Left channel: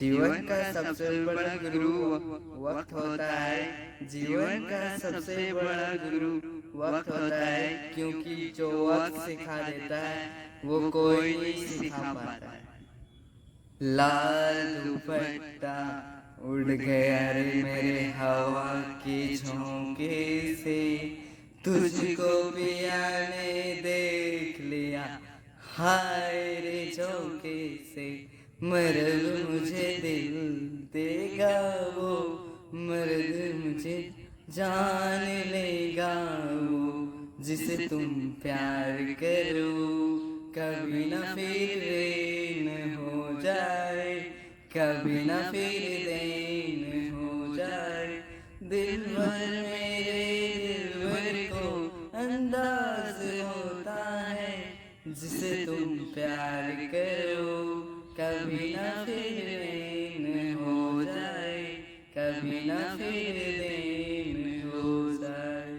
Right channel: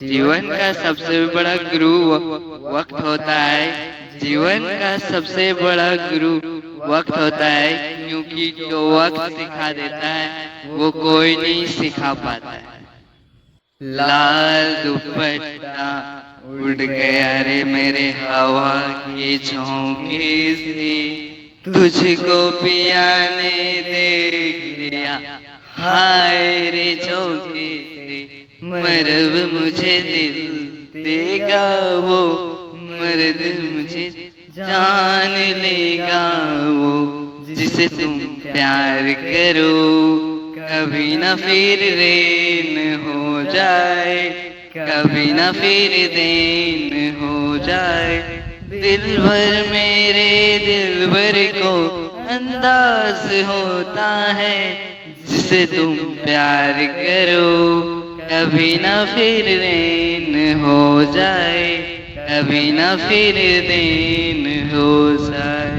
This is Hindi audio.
जीवन का सबसे बड़ा गुरु वक्त होता है। जीवन का सबसे बड़ा गुरु वक्त होता है, क्योंकि जो वक्त सिखा देता है वो कोई नहीं सिखा पाता है। लाल दुपट्टा उड़ गया रे मेरे हवा के झोंके से, तुझको पिया ने देख लिया हाय रे झोंके से। मरब मुझे दिल देगा वो, मर्द मुझे जान लेगा वो, जिसे तुम प्यार करो कभी ना फिर रेन हो जाए, कभी ना फिर देन हो जाए। दिल भर मेरे दिल भर को अंदाज होता है, जिसे तुम प्यार करो कभी ना फिर रेन हो जाए, कभी ना फिर देन हो जाए।